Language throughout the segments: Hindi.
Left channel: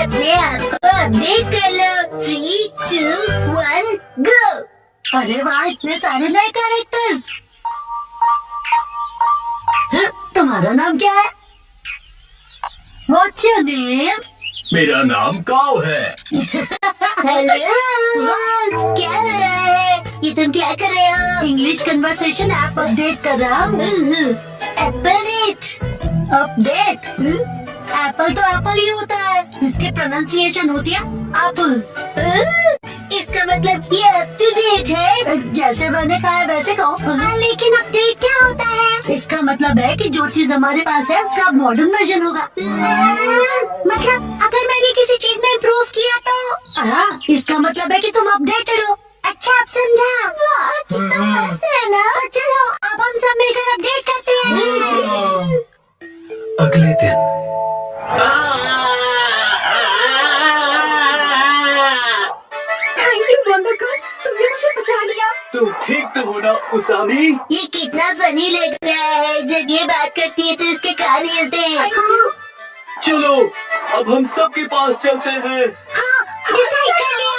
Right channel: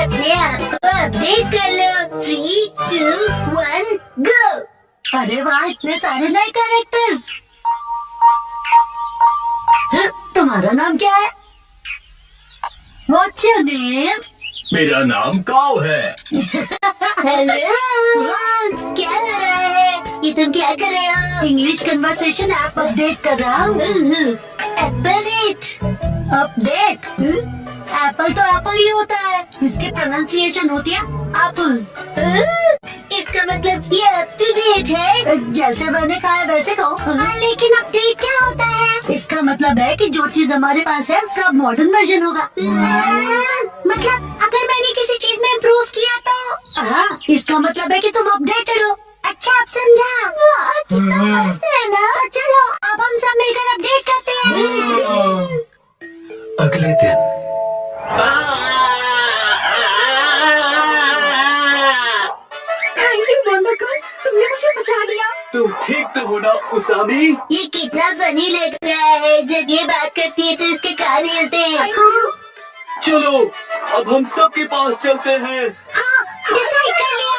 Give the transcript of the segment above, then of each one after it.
अपने आप को अपडेट कर लो। 3, 2, 1 गो। अरे वाह, इतने सारे नए कैरेक्टर्स। तुम्हारा नाम क्या है? What's your name? मेरा नाम काव है। हेलो, क्या हो रहा है? ये तुम क्या कर रहे हो? इंग्लिश कन्वर्सेशन ऐप अपडेट कर रहा हूँ। अपडेट? एप्पल तो एप्पल ही होता है, इसकी प्रोनाउंसिएशन होती है एप्पल। इसका मतलब ये अप टू डेट है? जैसे मैंने कहा है वैसे कहो। लेकिन अपडेट क्या होता है? इसका मतलब है कि जो चीज हमारे पास है उसका मॉडर्न वर्जन होगा। मतलब अगर मैंने किसी चीज में इम्प्रूव किया तो? हाँ, इसका मतलब है कि तुम अपडेटेड हो। अच्छा, अब समझा। वाह, कितना मस्त है ना। तो चलो अब हम सब मिलकर अपडेट करते हैं। अगले दिन थैंक यू बोंडाकुन, तुमने मुझे बचा लिया। तुम ठीक तो हो ना उसामी? ये कितना फनी लग रहा है। जब ये बात करती है तो इसके कान हिलते हैं। चलो अब हम सबके पास चलते हैं। डिसाइड कर लिया।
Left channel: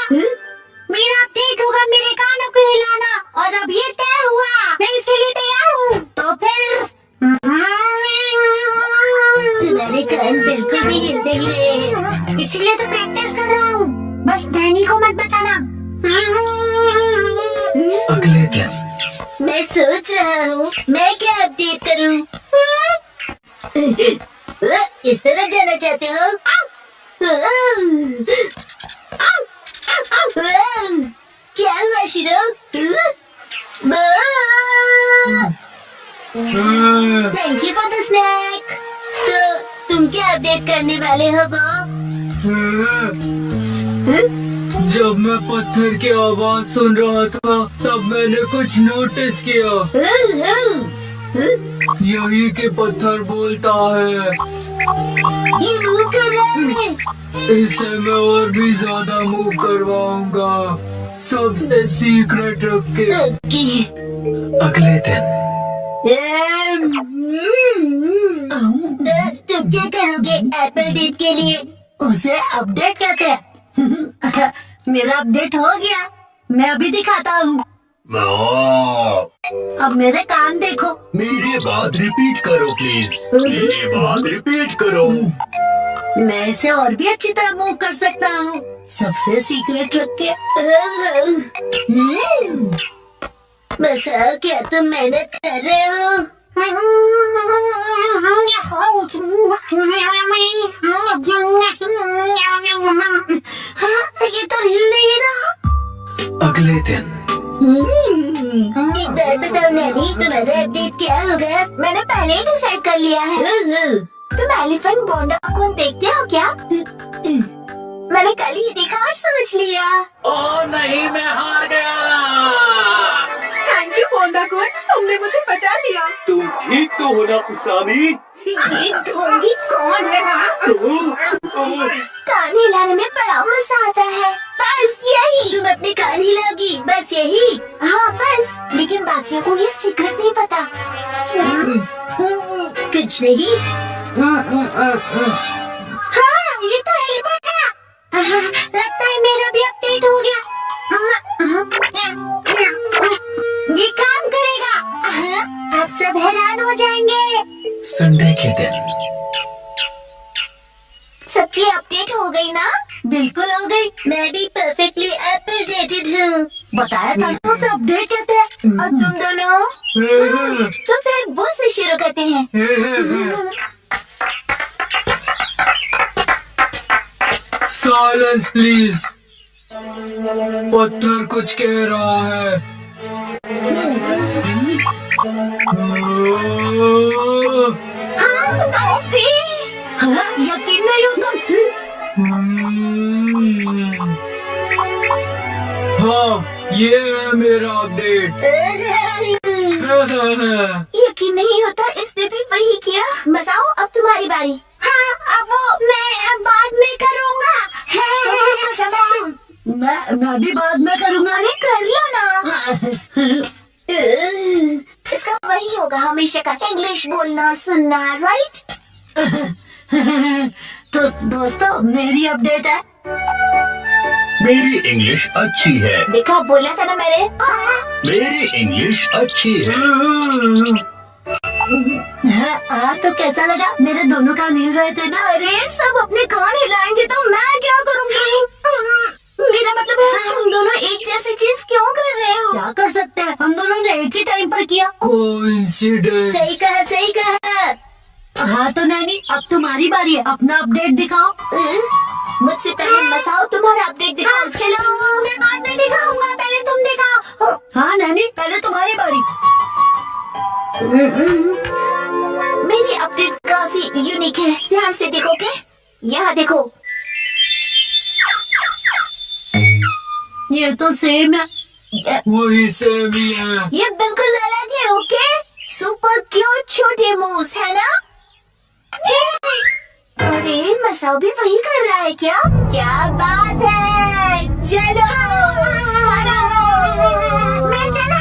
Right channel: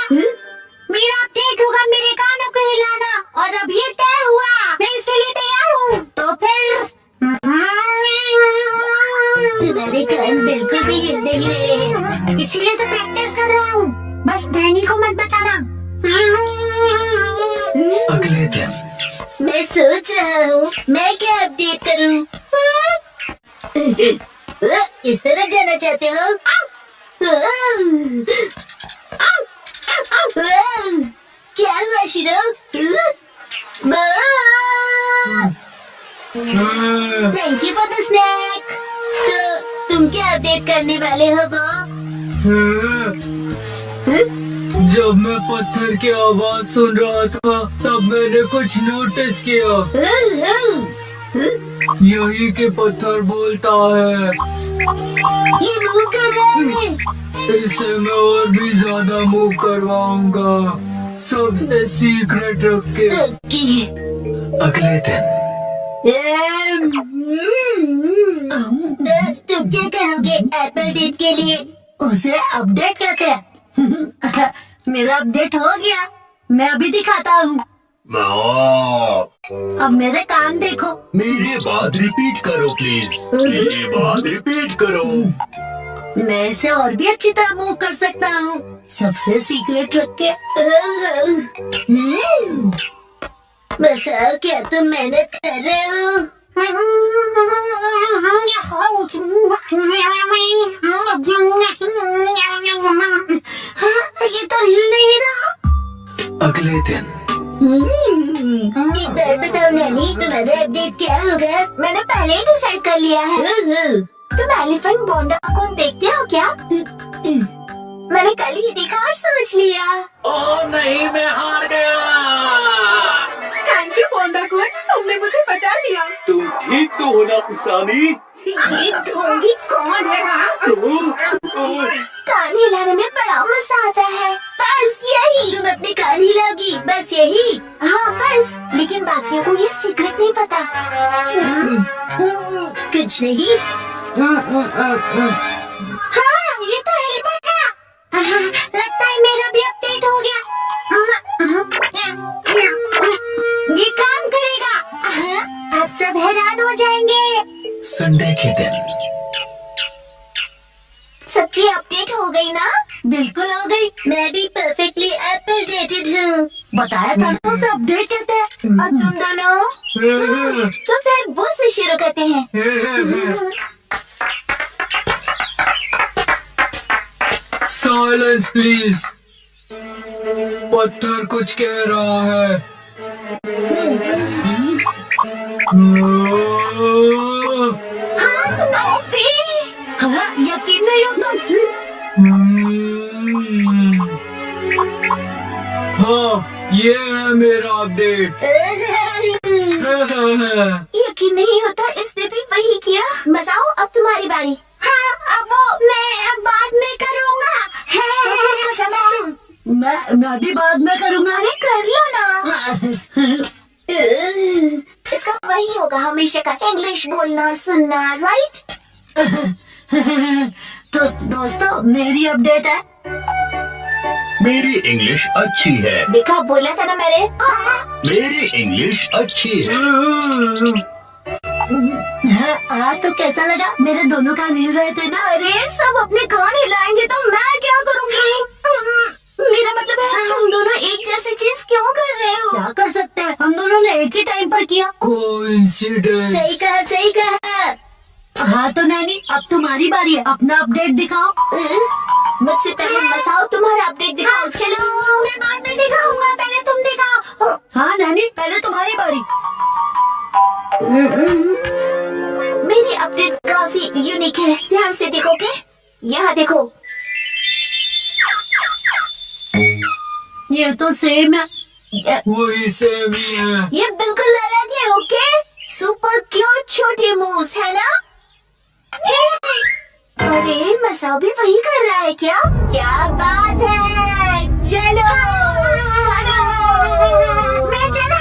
मेरा अपडेट होगा मेरे कानों को हिलाना, और अब ये तय हुआ। मैं इसके लिए तैयार हूँ। तो फिर तुम्हारे कान बिल्कुल भी हिल नहीं रहे हैं, इसीलिए तो प्रैक्टिस कर रहा हूँ। बस डैनी को मत बताना। अगले दिन मैं सोच रहा हूँ मैं क्या अपडेट करूँ। इस तरफ जाना चाहते हो? क्या हुआ शिरो? Thank you for the snake. तो तुम क्या अपडेट करने वाले हो बॉब? जब मैं पत्थर की आवाज सुन रहा था तब मैंने कुछ नोटिस किया। यही कि पत्थर बोलता है। ये मूव कर रहा है। इसे मैं और भी ज्यादा मूव करवाऊंगा, सबसे सीक्रेट रख के। ओके। अगले दिन तुम क्या करोगे एप्पल डेट के लिए? उसे अपडेट कहते हैं। मेरा अपडेट हो गया, मैं अभी दिखाता हूँ। अब मेरे कान देखो। मेरी बात रिपीट करो प्लीज। मेरी बात रिपीट करो। मैं इसे और भी अच्छी तरह मूव कर सकता हूँ, सबसे सीक्रेट रख के। बस क्या तुम मेहनत कर रहे हो? हाँ, ये तो हिल नहीं रहा। अगले दिन एक बार बताओ नैनी, तुम्हारा अपडेट क्या होगा? मैंने पहले ही डिसाइड कर लिया है। तुम एलिफेंट बोंडाकुन देखते हो क्या? मैंने कल ही देखा और सोच लिया। ओ नहीं, मैं हार गया। थैंक यू बोंडाकुन, तुमने मुझे बचा लिया। तुम ठीक तो हो ना उसामी? ये ढोंगी कौन है? कान हिलाने में बड़ा मजा आता है। बस यही। तुम अपने कान हिलाओगी, बस यही? हाँ बस, लेकिन बाकियों को ये सीक्रेट नहीं पता। कुछ नहीं। हाँ, ये तो हिल पड़ा। लगता है मेरा भी अपडेट हो गया। ये काम करेगा। अब सब हैरान हो जाएंगे। संडे के दिन सबकी अपडेट हो गई ना? बिल्कुल हो गई। मैं भी परफेक्टली अपडेटेड हूँ। बताया था ना, उसे अपडेट कहते हैं। और तुम दोनों? तो फिर वो से शुरू करते हैं। Silence please. पत्थर कुछ कह रहा है। हाँ, यकीन नहीं हो तुम? हाँ, ये है मेरा अपडेट। यकीन नहीं होता, इसने भी वही किया। बताओ, अब तुम्हारी बारी। हाँ, अब वो मैं बाद में करूँगा। मैं भी बाद में करूँगा। अरे कर लो ना। इसका वही होगा हमेशा का, इंग्लिश बोलना सुनना, राइट? तो दोस्तों मेरी अपडेट है। मेरी इंग्लिश अच्छी है। देखा, बोला था ना मैंने। मेरी इंग्लिश अच्छी है। हाँ, तो कैसा लगा? मेरे दोनों कान हिल रहे थे ना। अरे सब अपने कान हिलाएंगे तो मैं क्या करूँगी? मेरा मतलब है तुम दोनों एक जैसी चीज क्यों कर रहे हो? क्या कर सकते हैं, हम दोनों ने एक ही टाइम पर किया। कोइंसिडेंस। सही कहा, सही कहा। हाँ तो नैनी, अब तुम्हारी बारी है, अपना अपडेट दिखाओ। मुझसे पहले मसाओ तुम्हारा अपडेट दिखाओ। चलो, मैं बाद में दिखाऊंगा, पहले तुम दिखाओ। हाँ नैनी, पहले तुम्हारी बारी। मेरी अपडेट काफी यूनिक है, ध्यान से देखोगे? यहाँ देखो। ये तो सेम है। वही सेम ही है। ये बिल्कुल अलग है, ओके? सुपर क्यूट छोटे मूस है ना? अरे मसाओ भी वही कर रहा है क्या? क्या बात है, चलो। मैं चला।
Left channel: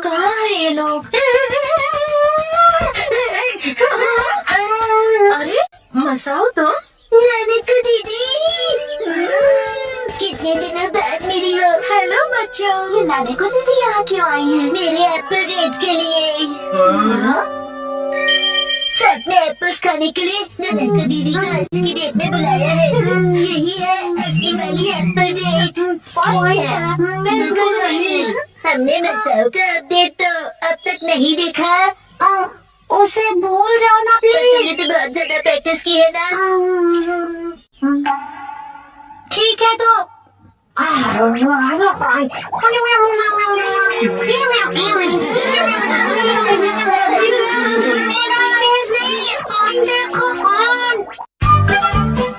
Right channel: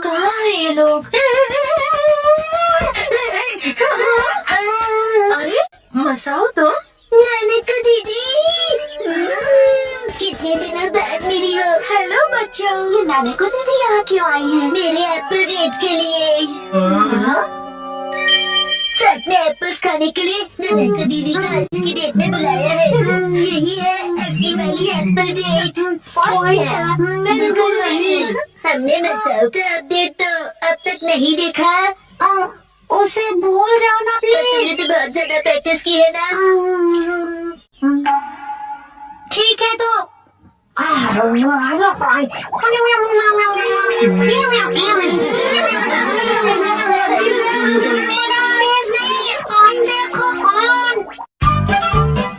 कहाँ है ये लोग? अरे मसाओ तुम? नानिका दीदी, कितने दिनों बाद मिली हो। हेलो बच्चों। ये नानिका दीदी यहाँ क्यों आई है? मेरे एप्पल डेट के लिए। हाँ? साथ में एप्पल्स खाने के लिए नानिका दीदी को आज की डेट में बुलाया है। यही है असली वाली एप्पल डेट। बिल्कुल नहीं। हमने मसाओ का अपडेट तो अब तक नहीं देखा। उसे भूल जाओ ना प्लीज। तुमने तो बहुत ज्यादा प्रैक्टिस की है ना। ठीक है तो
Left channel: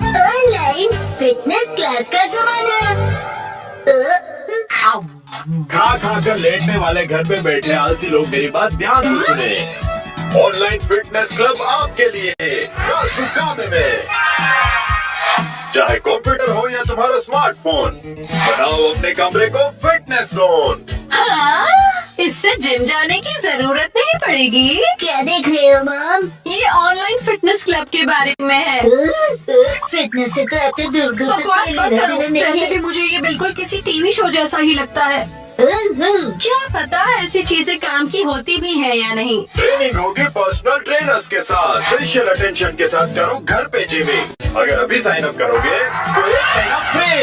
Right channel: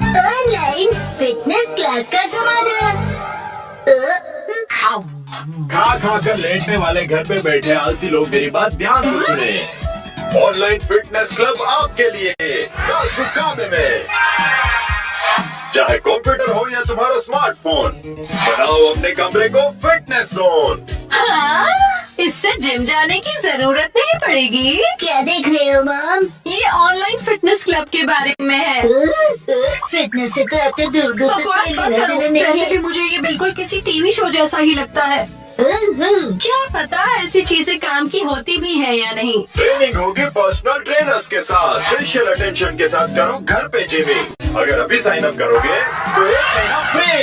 ऑनलाइन फिटनेस क्लास का जमाना। खा खा कर लेटने वाले घर पे बैठे आलसी लोग मेरी बात ध्यान से सुने। ऑनलाइन फिटनेस क्लब आपके लिए कासुकामे में। चाहे कंप्यूटर हो या तुम्हारा स्मार्टफोन, बनाओ अपने कमरे को फिटनेस जोन। हाँ, इससे जिम जाने की जरूरत नहीं पड़ेगी। क्या देख रहे हो मॉम? ये ऑनलाइन फिटनेस क्लब के बारे में है। फिटनेस से तो आपने दूर दूर तक बकवास कोई मत लेना करो। देना नहीं वैसे है। भी मुझे ये बिल्कुल किसी टीवी शो जैसा ही लगता है। क्या पता ऐसी चीजें काम की होती भी है या नहीं। ट्रेनिंग होगी पर्सनल ट्रेनर्स के साथ, स्पेशल अटेंशन के साथ करो घर पे जिमिंग। अगर अभी साइन अप करोगे तो 1 महीना फ्री।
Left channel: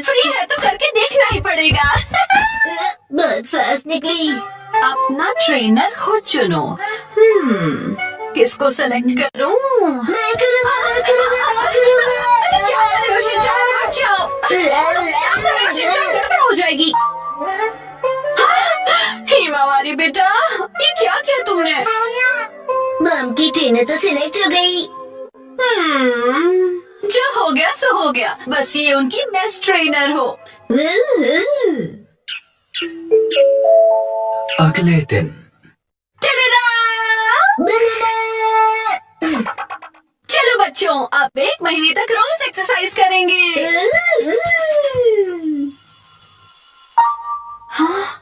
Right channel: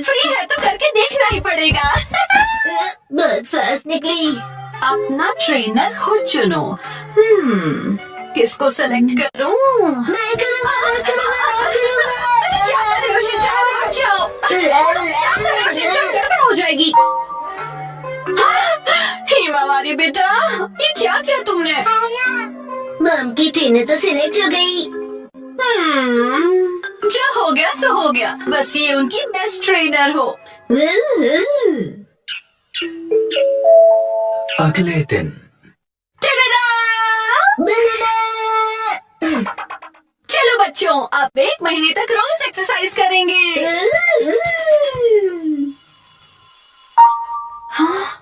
फ्री है तो करके देखना ही पड़ेगा। बहुत फास्ट निकली। अपना ट्रेनर खुद चुनो। किसको सेलेक्ट करूं? मैं करूँगा, मैं करूँगा, मैं करूँगा। क्या कर रहे हो शिनचान? रुक जाओ। क्या कर रहे हो शिनचान? गड़बड़ हो जाएगी। हिमावारी बेटा, ये क्या किया तुमने? मॉम की ट्रेनर तो सिलेक्ट हो गई। जो हो गया सो हो गया। बस ये उनकी बेस्ट ट्रेनर हो। अगले दिन टडडा! बनाना। चलो बच्चों, अब 1 महीने तक रोज एक्सरसाइज करेंगे।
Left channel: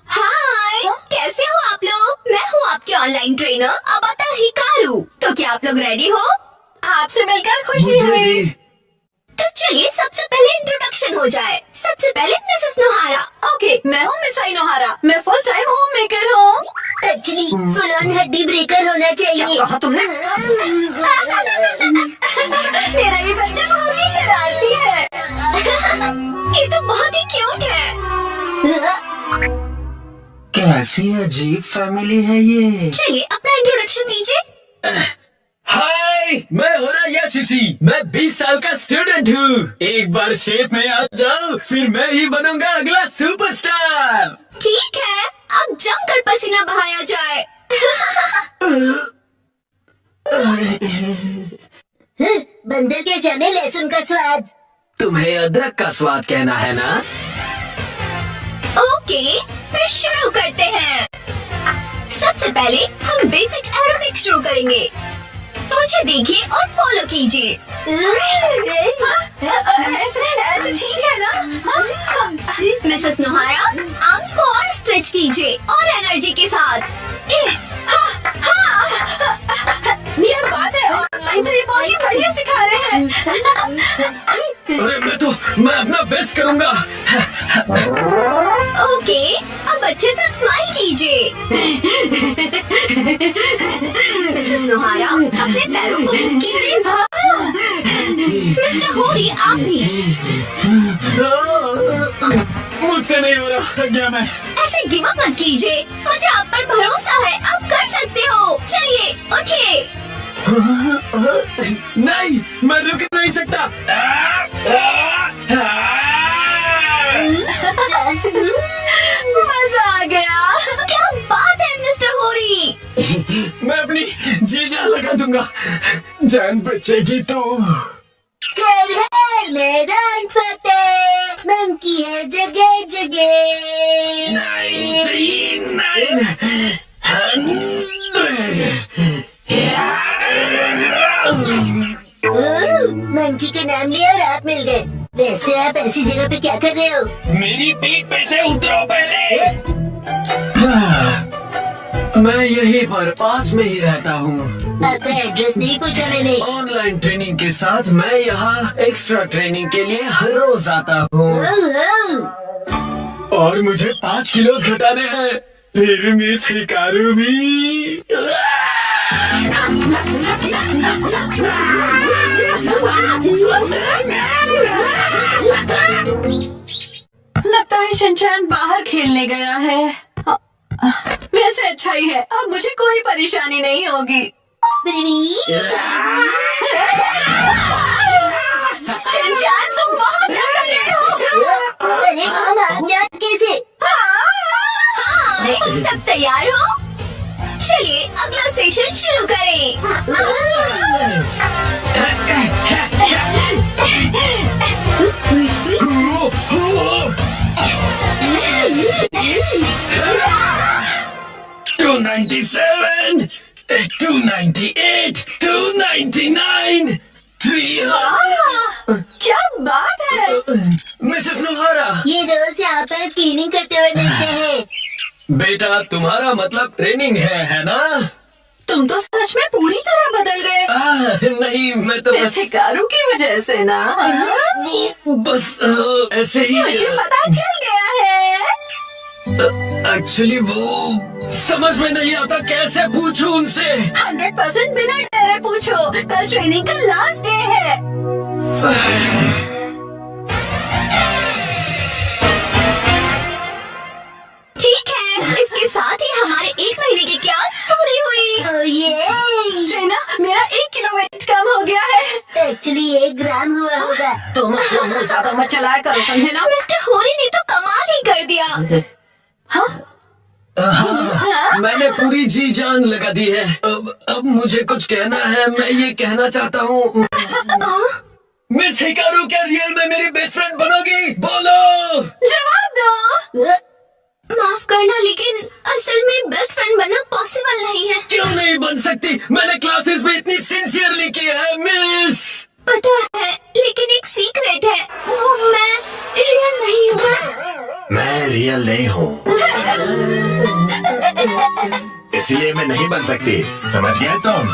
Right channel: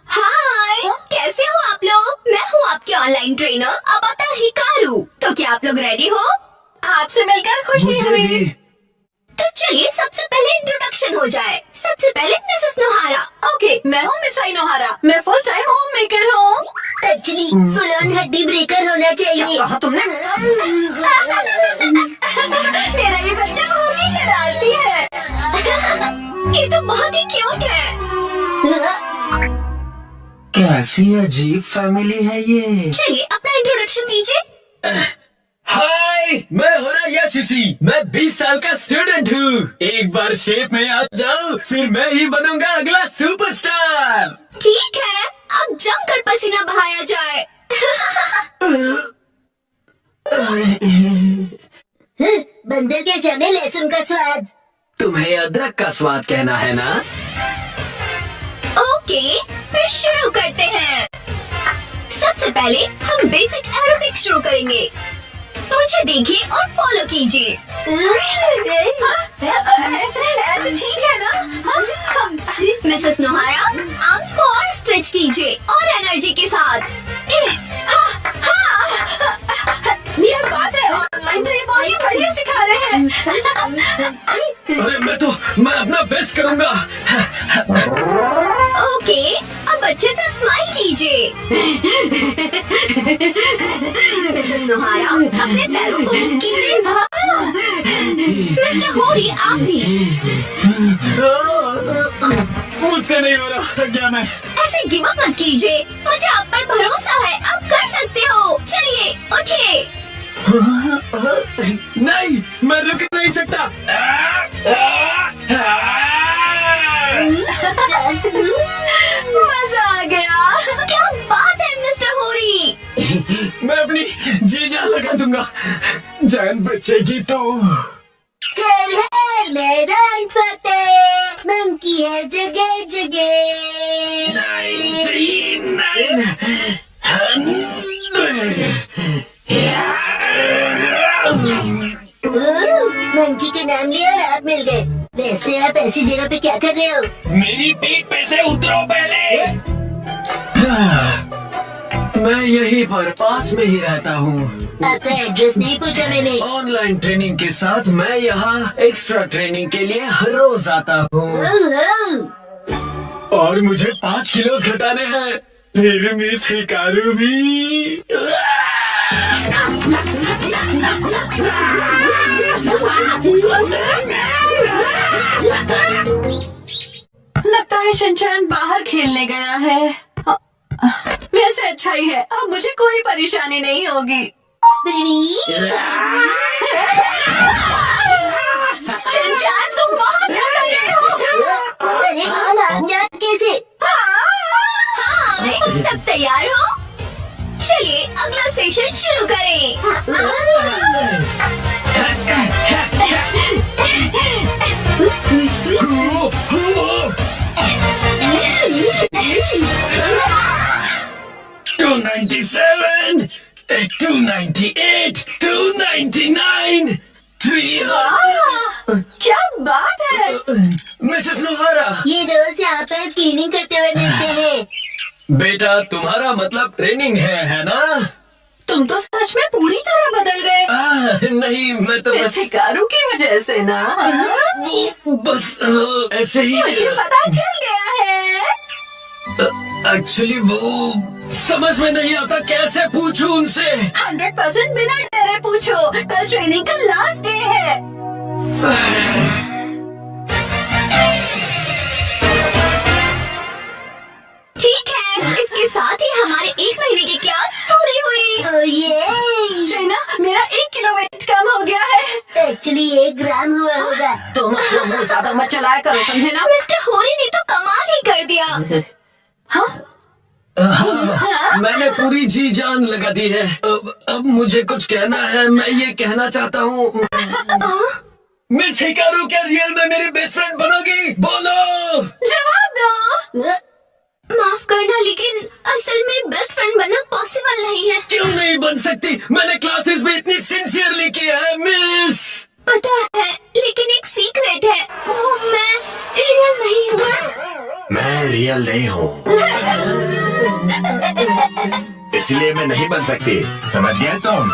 हाय, कैसे हो आप लोग? मैं हूँ आपके ऑनलाइन ट्रेनर अबाता हिकारू। तो क्या आप लोग रेडी हो? आपसे मिलकर खुशी मुझे हुई। भी। तो चलिए सबसे पहले इंट्रोडक्शन हो जाए। सबसे पहले मिसेस नोहारा। ओके, मैं हूँ मिस आई नोहारा। मैं फुल टाइम होम मेकर हूँ। एक्चुअली फुल ऑन हड्डी ब्रेकर होना चाहिए। कहा तुमने? मेरा ये बच्चा बहुत ही शरारती है। ये तो बहुत ही क्यूट है। कैसी अजीब फैमिली है ये। चलिए अपना इंट्रोडक्शन दीजिए। हाय, मैं हो रहा यशिशी। मैं 20 साल का स्टूडेंट हूँ। एक बार शेप में आ जाओ, फिर मैं ही बनूंगा अगला सुपरस्टार। ठीक है, अब जमकर पसीना बहाया जाए। बंदर के जाने लहसुन का स्वाद। तुम्हें अदरक का स्वाद कहना है ना? ओके, फिर शुरू करते हैं। सबसे पहले हम बेसिक एरोबिक शुरू करेंगे। मुझे देखिए और फॉलो कीजिए। ऐसे ठीक है ना? मिसेस नोहारा, आर्म्स को और स्ट्रेच कीजिए और एनर्जी के साथ। अरे मैं अपना बेस्ट करूंगा। ओके, अब अच्छे से स्माइल कीजिए। मिसेस नोहारा, अपने पैरों को मूव कीजिए। मिस्टर होरी, आप भी। मुझसे नहीं हो रहा, थक गया मैं। ऐसे गिव अप मत कीजिए, मुझे आप पर भरोसा है, आप कर सकते हो। चलिए उठिए। नहीं, मैं रुक नहीं सकता। मजा आ गया। क्या बात है मिस्टर होरी। मैं अपनी जी जान लगा दूंगा, जान बचेगी तो। कर हर मैदान फतेह, मंकी है जगह जगह। मंकी का नाम लिया और आप मिल गए। वैसे आप ऐसी जगह पे क्या कर रहे हो? मेरी पीठ पे से उतरो पहले। मैं यहीं पर पास में ही रहता हूँ। आपका एड्रेस नहीं पूछा मैंने। ऑनलाइन ट्रेनिंग के साथ मैं यहाँ एक्स्ट्रा ट्रेनिंग के लिए हर रोज आता हूँ ओहो, और मुझे 5 किलो घटाने हैं। फिर मिस हिकारू भी। लगता है शिनचैन बाहर खेलने गया है। वैसे अच्छा ही है, अब मुझे कोई परेशानी नहीं होगी। शिनचैन, तुम वहाँ क्या कर रहे हो? अरे माम, आप यहाँ कैसे? हाँ, सब तैयार हो? चलिए अगला सेशन शुरू करें। Two 97, 298, 299, 300। क्या बात है। मिसेस नोहारा, ये रोज यहाँ पर क्लीनिंग करते हुए मिलते हैं। बेटा तुम्हारा मतलब ट्रेनिंग है ना? तुम तो सच में पूरी तरह बदल गए। नहीं, मैं तो बस हिकारू की वजह से ना। वो बस ऐसे ही। मुझे पता चल गया है। एक्चुअली वो समझ में नहीं आता, कैसे पूछूं उनसे। 100% बिना डरे पूछो, कल ट्रेनिंग का लास्ट डे है। ठीक है, इसके साथ ही हमारे 1 महीने की क्लास पूरी हुई। ओह ये, ट्रेना, मेरा 1 किलो वेट कम हो गया है। एक्चुअली 1 ग्राम हुआ होगा। तुम अपना मुंह ज्यादा मत चलाया करो, समझे ना? मिस्टर होरी ने तो कमाल ही कर दिया। हाँ, मैंने पूरी जी जान लगा दी है। अब मुझे कुछ कहना है। मैं ये कहना चाहता हूँ, मिस हिकारू क्या रियल में मेरी बेस्ट फ्रेंड बनोगी? बोलो। जवाब दो। माफ करना, लेकिन असल में बेस्ट फ्रेंड बनना पॉसिबल नहीं है। क्यों नहीं बन सकती? मैंने क्लासेस में इतनी सिंसियरली की है मिस। पता है, लेकिन एक सीक्रेट है, वो मैं रियल नहीं हूँ। मैं रियल नहीं हूँ, इसलिए मैं नहीं बन सकती। समझ गए तुम?